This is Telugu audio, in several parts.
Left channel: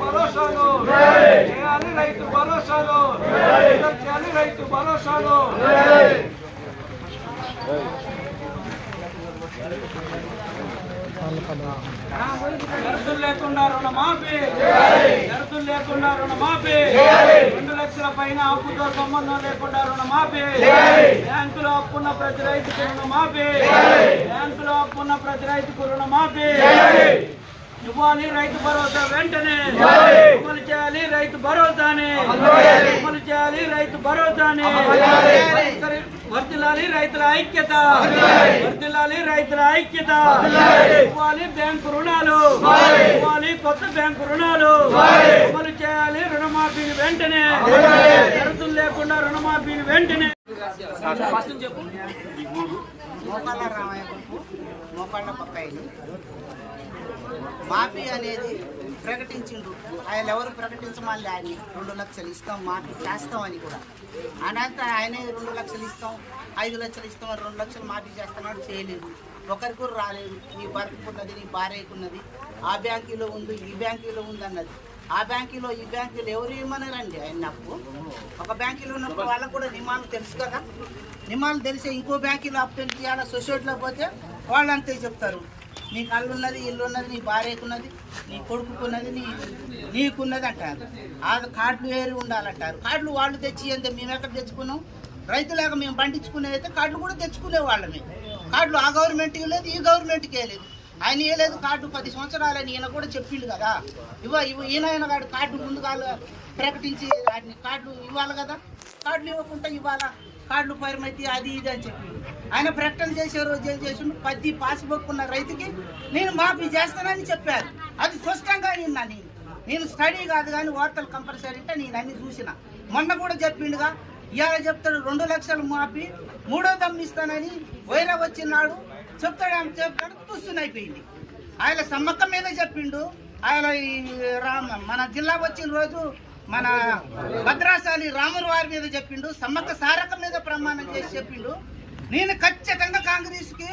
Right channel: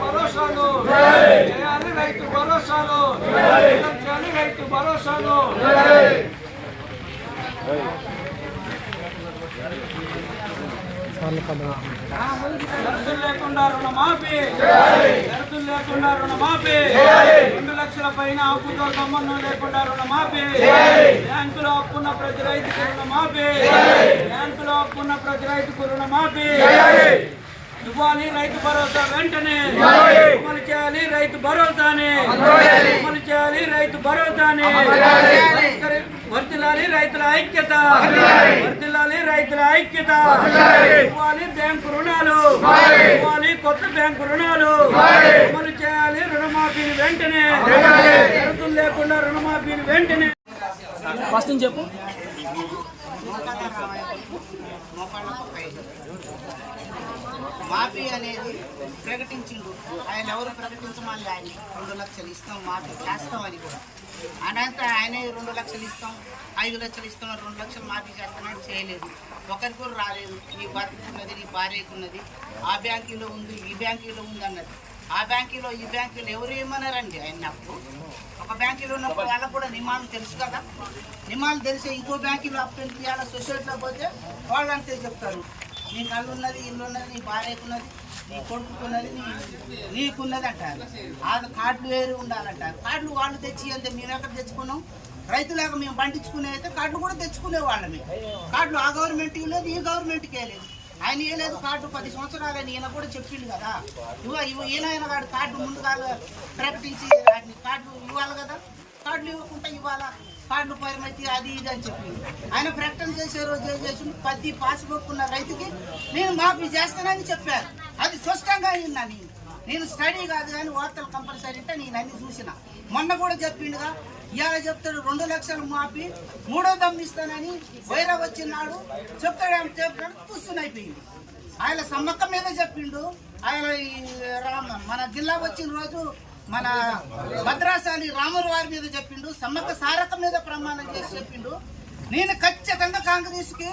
భరోసాను చేయాలి రైతు భరోసాను చేయాలి రైతు భరోసాను షరతులు లేకుండా రుణమాఫీ. షరతులు లేకుండా రుణమాఫీ. రెండు లక్షల పైన అప్పుతో సంబంధం లేకుండా రుణమాఫీ. బ్యాంకులో అప్పున్న ప్రతి రైతుకు రుణమాఫీ. బ్యాంకులో అప్పున్న ప్రతి రైతుకు రుణమాఫీ. ఇవ్వాలి రైతు భరోసా వెంటనే. అమలు చేయాలి రైతు భరోసాని. అమలు చేయాలి. రైతు భరోసాని. వర్ధిల్లాలి రైతుల ఐక్యత. వర్ధిల్లాలి రైతుల ఐక్యత. ఇవ్వాలి బ్యాంకు రుణాలు. ఇవ్వాలి. కొత్త బ్యాంకు రుణాలు. అమలు చేయాలి రుణమాఫీని వెంటనే. షరతులు లేకుండా రుణమాఫీని వెంటనే. ఫస్ట్ చెప్పు మోకాళ్ళ పక్క మోకాళ్ళ మాఫీ అనేది ప్రకటించిండు. ఆయన ఎవరు ప్రకటించమని ఆయన రెండు లక్షలు ఇస్తాం మాఫీ చేస్తామని కూడా. అనంత ఆయనే రెండు లక్షలు ఇస్తాం ఐదు లక్షలు ఇస్తాం రెండు లక్షలు మాఫీ చేస్తామని చేయలేదు. ఒకరికి కూడా రాలేదు. నీ భర్తకున్నది నీ భార్యకున్నది. ఆ బ్యాంకీలో ఉంది ఈ బ్యాంకులో ఉంది అన్నది. ఆ బ్యాంకులో ఈ బ్యాంకులో ఎవరు ఏమన్నారండి? ఆయన అప్పు? ఒక బ్యాంకులో ఉన్నప్పుడు వాళ్ళకు కూడా నియమాలు తెలుసు కదా? నియమాలు తెలిసే ఇంకో బ్యాంకులో అప్పు తెలియాలి సొసైటీలో పోతే వాళ్ళు అంతే చెప్తారు. నీ కళ్ళు ఉన్నది ఇల్లు ఉన్నది నీ భార్యకున్నది నీ కొడుకున్నది నీ నీకున్నది అంటారు. ఆ కార్డులు వేరు ఉండాలంటారు. కార్డులు వాళ్ళు తెచ్చి అంటే మేము ఎక్కడ తెచ్చుకున్నాం? రైతులాగా మేము పండించుకునే అయితే కార్డులు కూడా తెచ్చుకునే వాళ్ళమే. కార్డులు ఆ గవర్నమెంట్కి లేదు ఈ గవర్నమెంట్కి లేదు. ఆయన ఏలేదు కార్డు పది సంవత్సరాలని ఈయన కూడా చెప్పిండు కదా. ఇవ ఇవ్వ ఈయన కాదు కార్డు ముందుగా ప్రకటించి వాటిని కార్డులు ఇవ్వాలి కదా. కార్డులు ఇవ్వకుండా ఇవ్వాలా? కార్డులు పరిమితి అది ఇది అని చెప్పి ఆయన ప్రకటన చేసే రోజు ఏం చేసిండు. పది పాస్బుక్ ఉన్న రైతుకి నేను మాఫీ చేస్తానని చెప్పారు. అది స్పష్టంగా అయిందా నేను నేను స్టడీ కాదు కానీ వార్తలు కంపల్సరీ అంటే నేను అన్ని చూసిన. మొన్న కూడా చెప్పిండుగా ఇవాళ చెప్తాడు రెండు లక్షలు మాపి మూడో దమ్మిస్తానని వైరా వచ్చినాడు చెప్తాడు ఆమె చెప్తాడు అయిపోయింది. ఆయన సమ్మక్క మీద చెప్పిండు ఆయన ఈ రామ మన జిల్లా వచ్చిన రోజు మన భద్రాశాలి రాముల వారి మీద చెప్పిండు సమ్మక్క సారక్క మీద ప్రమాణం చేసి చెప్పిండు. నేను ఖచ్చితంగా కాంగ్రెస్కి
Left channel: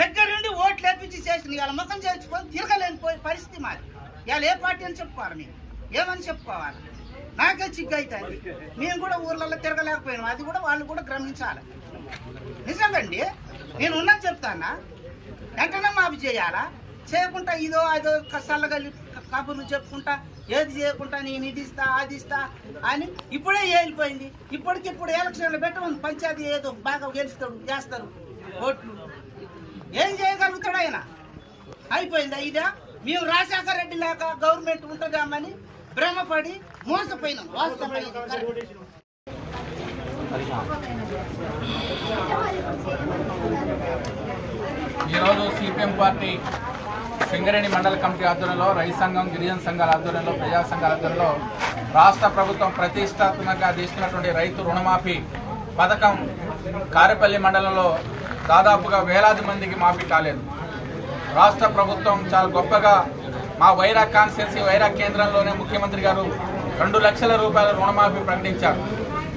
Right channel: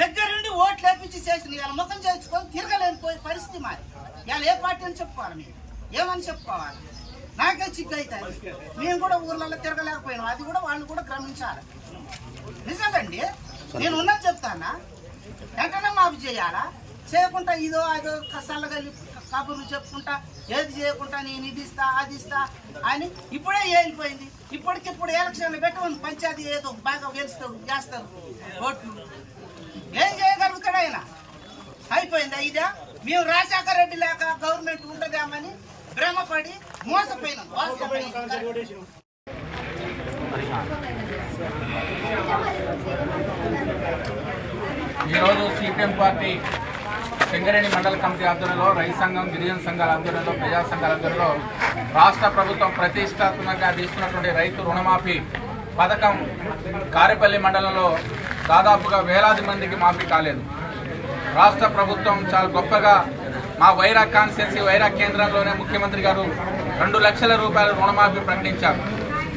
దగ్గర దగ్గరుండి ఓట్లు వేపించి చేసిన ఇవాళ ముఖం చేయించుకొని తిరగలేని పోయే పరిస్థితి మాది. ఇవాళ ఏ పార్టీ అని చెప్పుకోవాలి మేము? ఏమని చెప్పుకోవాలి? నాకే చిగ్గు అవుతుంది మేము కూడా ఊర్లలో తిరగలేకపోయినాం. అది కూడా వాళ్ళు కూడా గ్రమించాలి. నిజంగండి నేను ఉన్నది చెప్తానా? వెంటనే మాఫీ చేయాలా? చేయకుండా ఇదో అదో సల్లగలి కబుర్లు చెప్పుకుంటా ఏది చేయకుండా నేను ఇది ఇస్తా అది ఇస్తా అని ఇప్పుడే వెళ్ళిపోయింది ఇప్పటికిప్పుడు ఎలక్షన్లు పెట్టమని పంచాయతీ ఏదో బాగా గెలుస్తారు చేస్తారు ఓట్లు. ఏం చేయగలుగుతాడు ఆయన? అయిపోయిందా ఇదా? మేము రాజశేఖర రెడ్డి లేక గవర్నమెంట్ ఉంటుందేమని భ్రమపడి మోసపోయినాం వాస్తవం ఈరోజు సిపిఎం పార్టీ సింగరేణి మండల కమిటీ ఆధ్వర్యంలో రైతు సంఘం గిరిజన సంఘాల ఆధ్వర్యంలో ప్రజా సంఘాల ఆధ్వర్యంలో రాష్ట్ర ప్రభుత్వం ప్రతిష్టాత్మకంగా తీసుకున్నటువంటి రైతు రుణమాఫీ పథకం కారేపల్లి మండలంలో దాదాపుగా వేలాది మందికి మాఫీ కాలేదు. రాష్ట్ర ప్రభుత్వం చాలా గొప్పగా మా వైరా కాన్స్టిట్యున్సీ వైరా కేంద్రంలోనే ముఖ్యమంత్రి గారు రెండు లక్షల రూపాయల రుణమాఫీ ప్రకటించారు.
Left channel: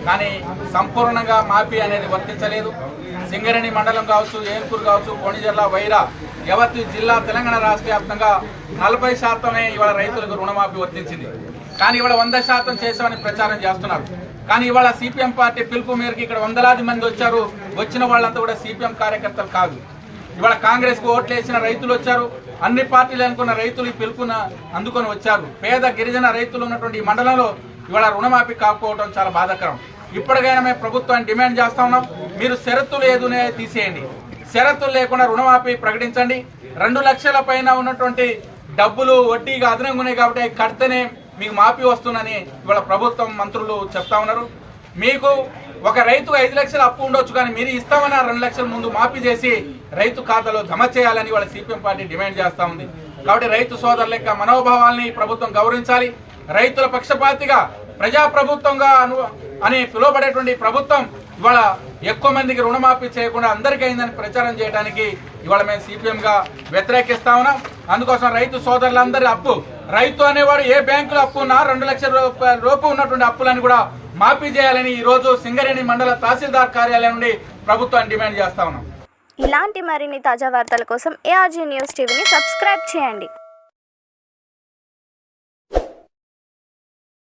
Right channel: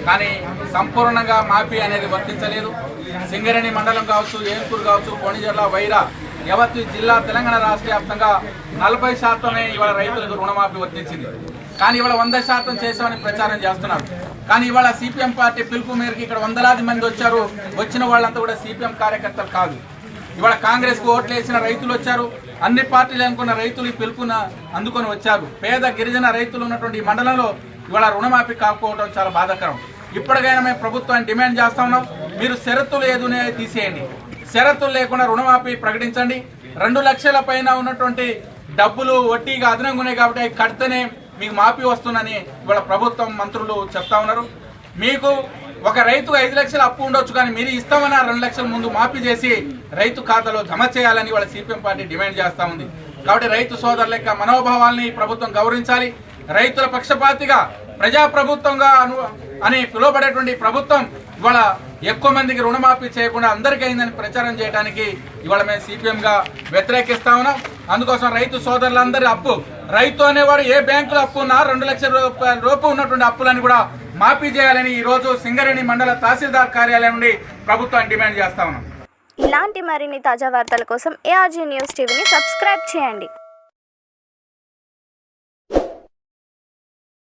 కానీ సంపూర్ణంగా మాఫీ అనేది వర్తించలేదు. సింగరేణి మండలం కావచ్చు ఏన్కూరు కావచ్చు కోణిజర్ల వైరా యావత్తు జిల్లా తెలంగాణ రాష్ట్ర వ్యాప్తంగా నలభై శాతమే ఇవాళ రైతులకు రుణమాఫీ వర్తించింది. కానీ ఇవాళ వంద శాతం చేశామని ప్రచారం చేస్తున్నారు. కానీ ఇవాళ సిపిఎం పార్టీ పిలుపు మేరకు ఇక్కడ వందలాది మంది వచ్చారు. వచ్చిన వాళ్ళంతా కూడా సిపిఎం కార్యకర్తలు కాదు. ఇవాళ కాంగ్రెస్కు ఓట్లు వేసిన రైతులు వచ్చారు. అన్ని పార్టీలు అనుకున్న రైతులు ఈ పిలుపున అందుకొని వచ్చారు. పేద గిరిజన రైతులు ఉన్నటువంటి ఈ మండలంలో ఇవాళ రుణమాఫీ కాకపోవడం చాలా బాధాకరం. ఇప్పటికైనా మేము ప్రభుత్వాన్ని డిమాండ్ చేస్తా ఉన్నాం. మీరు షరతులు ఏదునే తీసేయండి. షరతులు లేకుండా రుణమాఫీ ప్రకటించండి. రెండు లక్షల పైన ఉన్నటువంటి డబ్బులు వడ్డీగా అదనంగా ఉన్నాయి కాబట్టి అవి కడితేనే మీకు మాఫీ వస్తుందని ఇవాళ ప్రభుత్వం మంత్రులు చెప్తా ఉన్నారు. మీకు ఒక రైతు ఐదు లక్షలు అప్పు ఉండొచ్చు కానీ మీరు ఇస్తామని ఆ రెండు లక్షల ముందు మాఫీ చేసి రైతు ఖాతాలో జమ చేయాలని వాళ్ళ సిపిఎం పార్టీ డిమాండ్ చేస్తా ఉంది. కాబట్టి రైతు సోదరుల యొక్క మనోభావాల్ని ప్రభుత్వం గౌరవించాలి. రైతుల పక్షపాతిగా ప్రజా ప్రభుత్వంగా అను అని పిలువబడేటువంటి ప్రభుత్వం ఇవాళ ఎక్కువ మందికి రుణమాఫీ చేయకుండా అందరికీ అయిందని ప్రచారం చేయడానికి ఇవాళ మేము సిపిఎం గా వ్యతిరేకిస్తా ఉన్నాం. అందుకోసం రైతు సోదరులందరి అప్పు రైతు అనేవాడు ఏ బ్యాంకులో అప్పు ఉన్నా రెండు లక్షల రూపాయల రూపు ఉన్నటువంటి అప్పులను కూడా మాఫీ చేయాలని ఈ రోజు సింగరేణి మండల తహసీల్దార్ కార్యాలయం నుండి ప్రభుత్వాన్ని డిమాండ్ చేస్తా ఉన్నాం. ఇలాంటి మరిన్ని తాజా వార్తల కోసం ఏఆర్జీ న్యూస్ టీవీని సబ్స్క్రైబ్ చేయండి.